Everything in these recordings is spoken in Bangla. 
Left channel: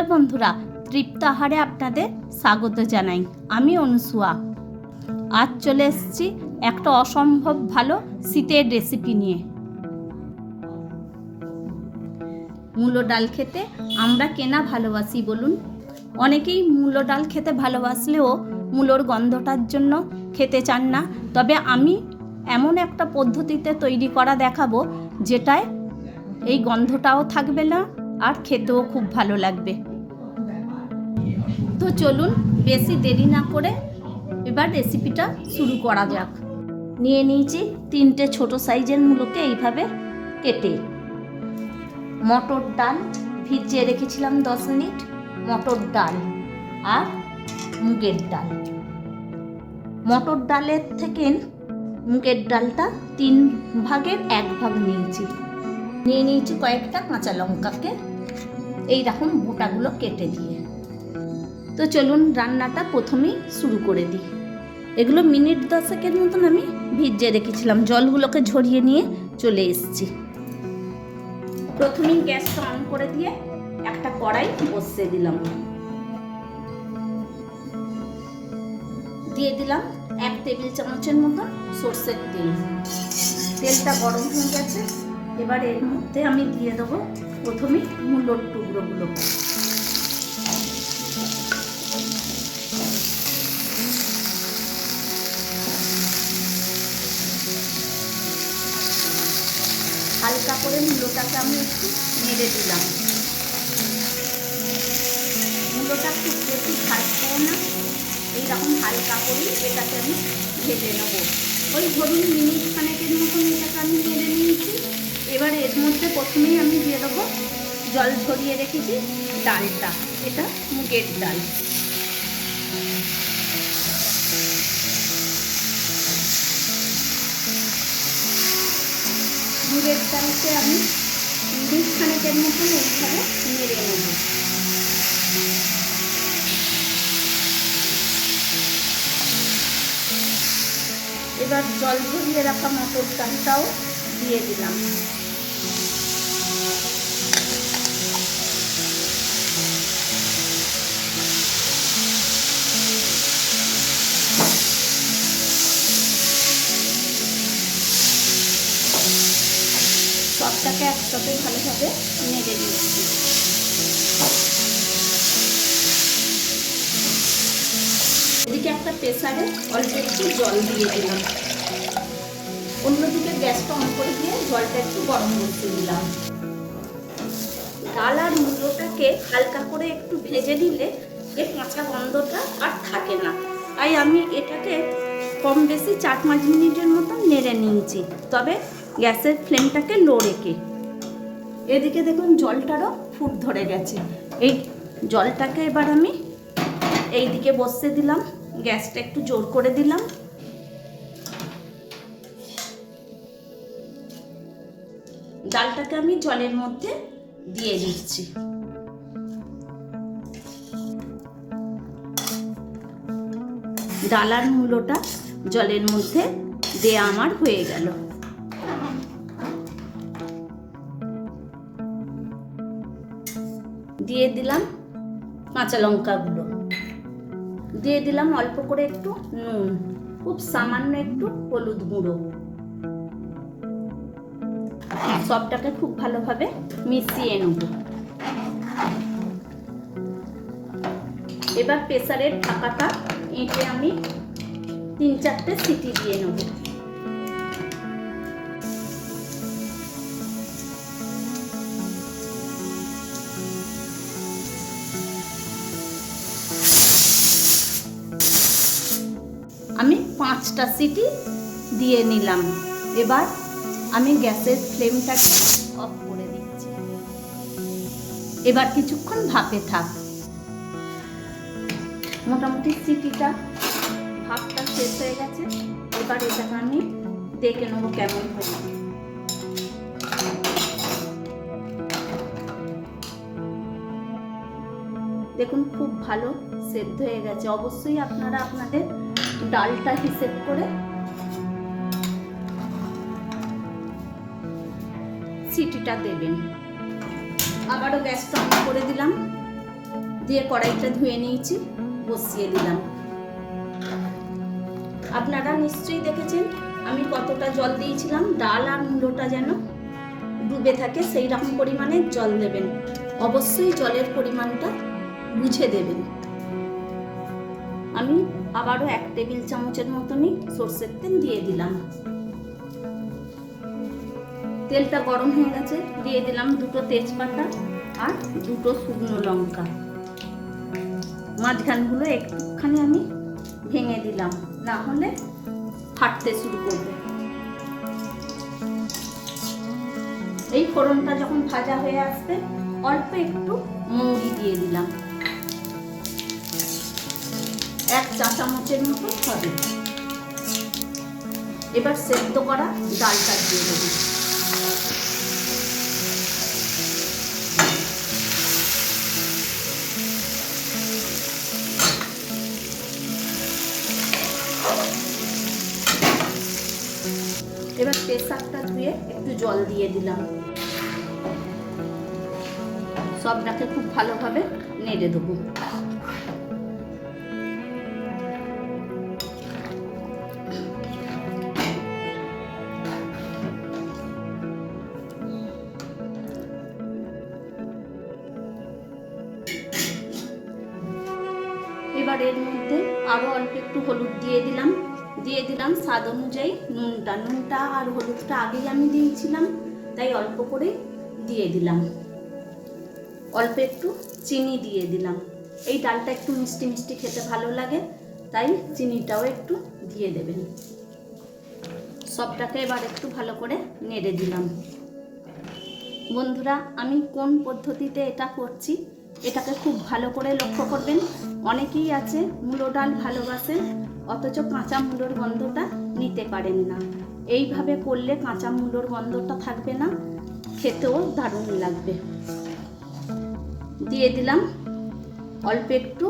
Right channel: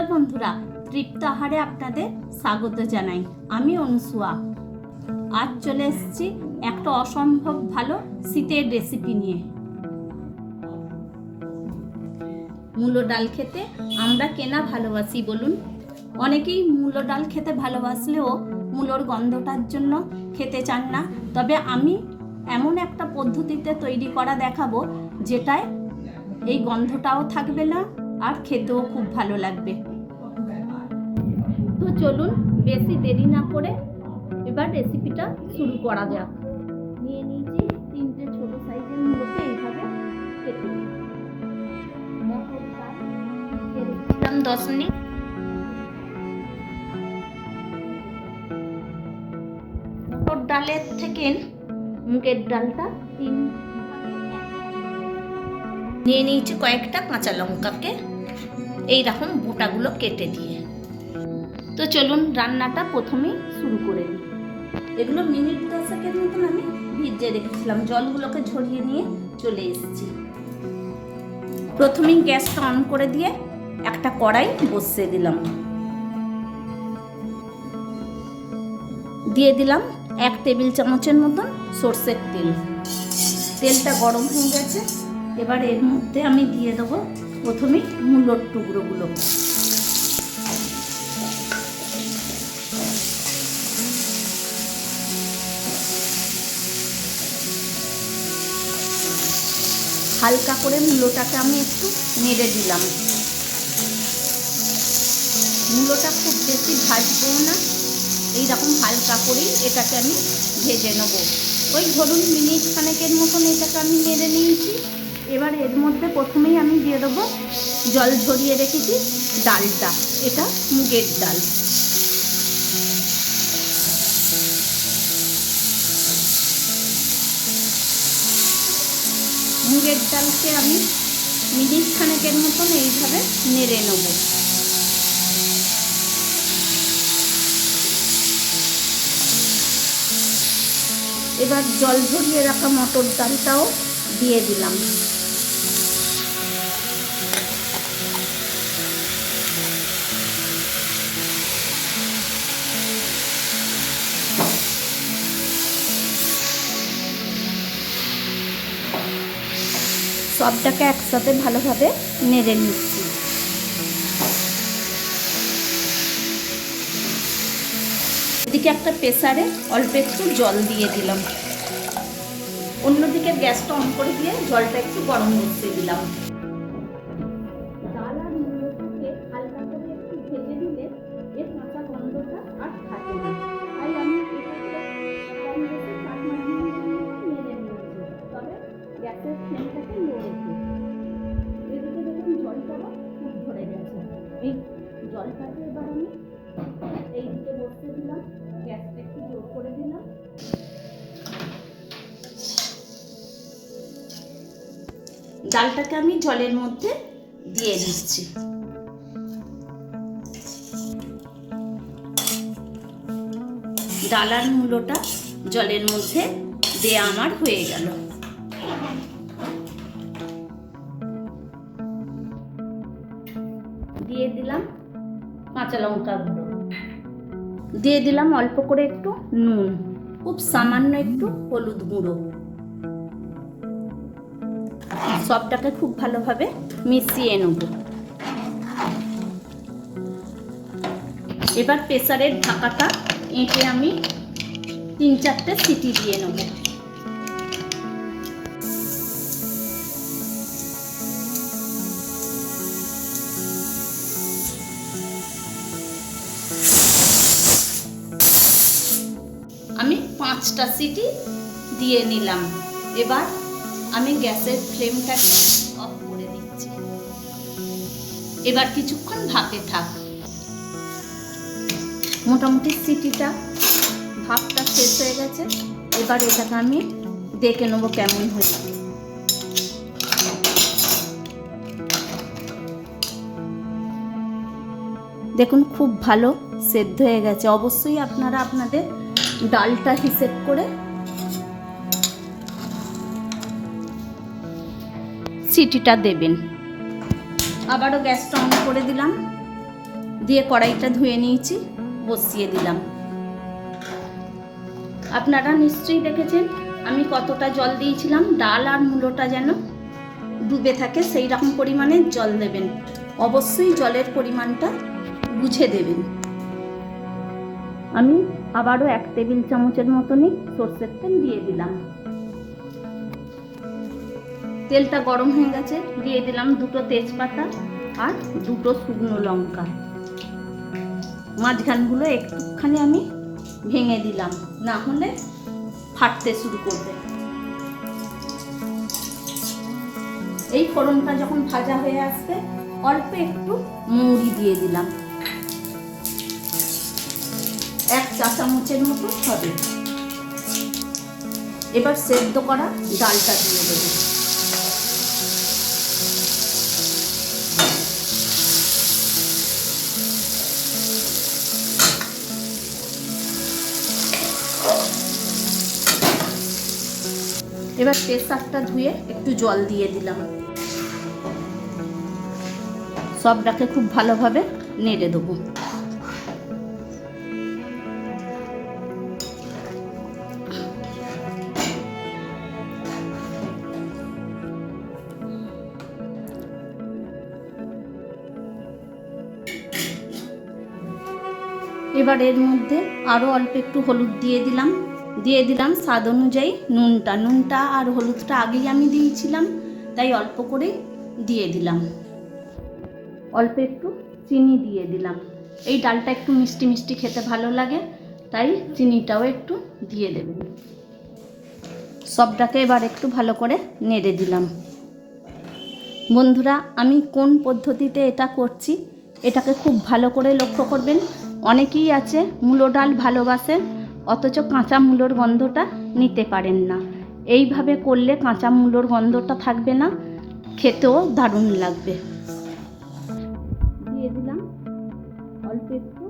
নমস্কার বন্ধুরা, তৃপ্ত আহারে আপনাদের স্বাগত জানাই। আমি অনুসুয়া। আজ চলে এসেছি একটা অসম্ভব ভালো শীতের রেসিপি নিয়ে। মূলো ডাল খেতে আমরা কেনা ভালোবাসি বলুন? অনেকেই মূলো ডাল খেতে ভালোবাসলেও মূলোর গন্ধটার জন্য খেতে চান না। তবে আমি এমন একটা পদ্ধতিতে তৈরি করা দেখাবো যেটায় এই গন্ধটাও থাকবে না আর খেতেও খুব ভালো লাগবে। তো চলুন বেশি দেরি না করে এবার রেসিপিটা শুরু করা যাক। নিয়ে নিয়েছি 3টে ছোট সাইজের মূলোকে এইভাবে কেটে। মটর ডাল ভিজিয়ে রেখেছিলাম 10 মিনিট, মটর ডাল আর মুগের ডাল। মটর ডালের থেকে মুগের ডালটা 3 ভাগের 1 ভাগ নিয়েছি। নিয়ে নিয়েছি কয়েকটা কাঁচা লঙ্কাকে এইরকম বোটাগুলো কেটে দিয়ে। তো চলুন রান্নাটা প্রথমেই শুরু করে দিই। এগুলো মিনিট 10 মতন আমি ভিজিয়ে রেখেছিলাম, জলগুলোকে ঝরিয়ে নিয়ে চলে এসেছি। প্রথমেই গ্যাসটা অন করে দিয়ে একটা কড়াই বসিয়ে দিলাম। দিয়ে দিলাম 1 টেবিল চামচের মতন সরষের তেল। তেলটা গরম হয়ে গেছে, এবার এর মধ্যে আমি দিয়ে দেবো প্রথমেই মূলোর টুকরোগুলো। হালকা করে মূলোটাকে আমি একটু নেড়ে দিলাম। মূলোটা খুব বেশি ভাজবো না, এইরকম হালকা করেই এটাকে আমি ভেজে নেব। ওই ধরুন মিনিট খানেকের মতন এটাকে আমি নেড়ে নিয়েছি। এবার এর মধ্যে প্রথমেই আমি দিয়ে দেবো জল ঝরিয়ে রেখেছি ডালটা। এটা মুগের ডাল। মুগের ডালকে আমি মিনিট খানেকের মতন এইভাবে নেড়ে নেব। এবার জল ঝরিয়ে রাখা মটর ডালটাও দিয়ে দিলাম। সবটাকে একসাথে ভালোভাবে নেড়ে নিচ্ছি। এদিকে একটা প্রেসারে অল্প একটু জল দিয়ে দিলাম। অন্যদিকে গ্যাসটা অন করে দিয়ে জলটা একটু গরম বসিয়ে দিলাম। ডাল আর মূলোটাকে হালকা করে একটু ভেজে নিলে এর কাঁচা গন্ধটা আর থাকে না। তাই আমি এটাকে কম বেশি 4-5 মিনিটের মতো নেড়ে নিয়েছি, তবে গ্যাসের ফ্লেমটাকে লো রেখে। এদিকে দেখুন জলটারও ফুট ধরে গেছে। এই জলটাকে এবার আমি এই দিকে বসিয়ে দিলাম। গ্যাসটা একটু জোর করে দিলাম। ডালটাকে আমি জলের মধ্যে দিয়ে দিচ্ছি। ডাল আর মূলোটা জলের মধ্যে দেয়া আমার হয়ে গেল। দিয়ে দিলাম কাঁচা লঙ্কাগুলো, দিয়ে দিলাম অল্প করে একটু নুন, খুব সামান্য একটু হলুদ গুঁড়ো। সবটাকে খুব ভালোভাবে মিশিয়ে নেব। এবার প্রেসারের ঢাকাটা এঁটে আমি 3-4টে সিটি দিয়ে নেব। আমি 5টা সিটি দিয়ে নিলাম। এবার আমি গ্যাসের ফ্লেমটাকে অফ করে দিচ্ছি। এবার কিছুক্ষণ ভাপে থাক। মোটামুটি সিটিটা ভাপটা শেষ হয়ে গেছে। এবার এটাকে আমি দেখে নেবো কেমন হয়েছে। দেখুন খুব ভালো সেদ্ধ হয়ে গেছে। অবশ্যই আপনারা আপনাদের ডালটা হিসেব করে সিটিটা দেবেন। আবারও গ্যাসটা অন করে দিলাম। দিয়ে কড়াইটা ধুয়ে নিয়েছি, বসিয়ে দিলাম। আপনারা নিশ্চয়ই দেখেছেন আমি কতটা জল দিয়েছিলাম। ডাল আর মূলোটা যেন ডুবে থাকে সেই রকম পরিমাণে জল দেবেন। অবশ্যই জলের পরিমাণটা বুঝে দেবেন। আমি আবারও 1 টেবিল চামচের মতনই সরষের তেল দিয়ে দিলাম। তেলটা গরম হয়ে গেছে, দিয়ে দিলাম 2টো তেজপাতা আর 2টো শুকনো লঙ্কা। মাঝখানগুলো একটুখানি আমি ভেঙে দিলাম, না হলে ফাটতে শুরু করবে। এই ফোড়নটা যখন ভাজা হয়ে আসবে, অল্প একটু মৌরি দিয়ে দিলাম, 1 চা চামচের মতো হবে। এবার সেদ্ধ করা ডালটা দিয়ে দেব। এবার প্রেসারটা ধুয়ে একটু জল দিয়ে দিলাম। সবটাকে খুব ভালোভাবে নেড়ে দেবো। এবার এর মধ্যে আরও অল্প একটু হলুদ দিয়ে দিলাম স্বাদ অনুযায়ী নুনটা আর হলুদটা আগেই আমি দিয়েছিলাম, তাই অল্প করে দিয়ে দিলাম। অল্প একটু চিনি দিয়ে দিলাম। এই ডালটা একটু মিষ্টি মিষ্টি খেতে ভালো লাগে, তাই চিনিটাও একটু দিয়ে দেবেন। সবটাকে এবার একটু ভালো করে নেড়ে দিলাম। বন্ধুরা, আমি কোন পদ্ধতিতে এটা করছি এটাকে খুব ভালো করে লক্ষ্য করবেন। অনেকেই আছে মূলো ডাল ভালোবাসেন, অথচ কাঁচা মূলোর গন্ধটা নিতে পারেন না। এইভাবে করলে কাঁচা মূলোর গন্ধটা থাকবে না, খেতেও দারুণ লাগবে। দিয়ে দিলাম অল্প একটু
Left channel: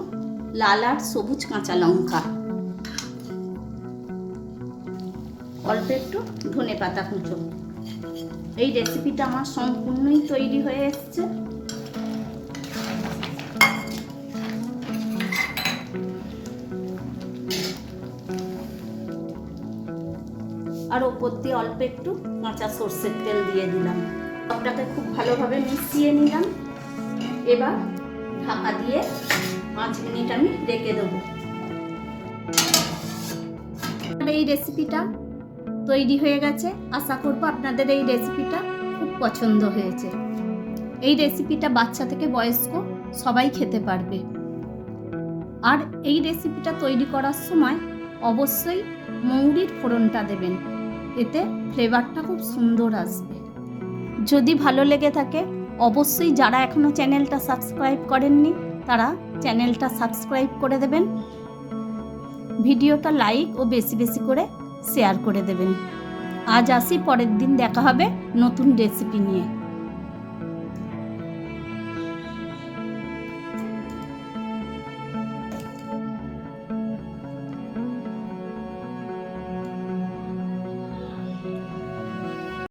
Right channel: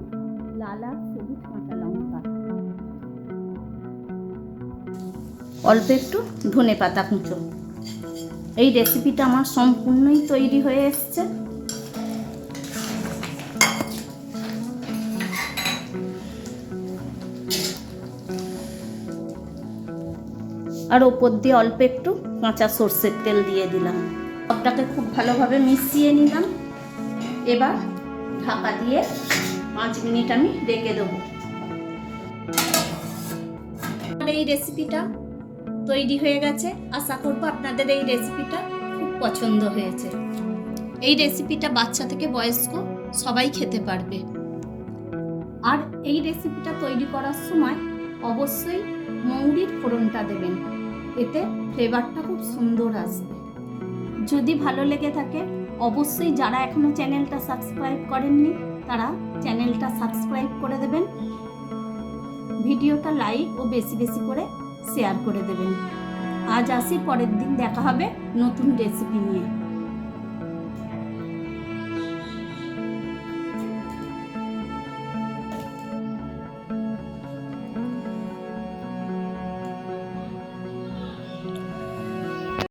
লাল আর সবুজ কাঁচা লঙ্কা, অল্প একটু ধনেপাতা কুচো। এই রেসিপিটা আমার সম্পূর্ণই তৈরি হয়ে এসছে। আর ওপর দিয়ে অল্প একটু কাঁচা সর্ষের তেল দিয়ে দিলাম। সবটাকে খুব ভালোভাবে মিশিয়ে নিলাম। এবার ঢাকা দিয়ে 5 মিনিট আমি রেখে দেবো। এই রেসিপিটা তৈরি হয়ে গেছে। আশা করব আপনাদের এই রেসিপিটা খুব পছন্দ হয়েছে। এই রেসিপিটা বাচ্চা থেকে বয়স্ক সবাই খেতে পারবে। আর এই রেসিপিটা তৈরি করার সময় অবশ্যই মৌরির ফোড়নটা দেবেন, এতে ফ্লেভারটা খুব সুন্দর আসবে। যদি ভালো লেগে থাকে অবশ্যই যারা এখনও চ্যানেলটা সাবস্ক্রাইব করেননি তারা চ্যানেলটা সাবস্ক্রাইব করে দেবেন। ভিডিওটা লাইক ও বেশি বেশি করে শেয়ার করে দেবেন। আজ আসি, পরের দিন দেখা হবে নতুন রেসিপি নিয়ে।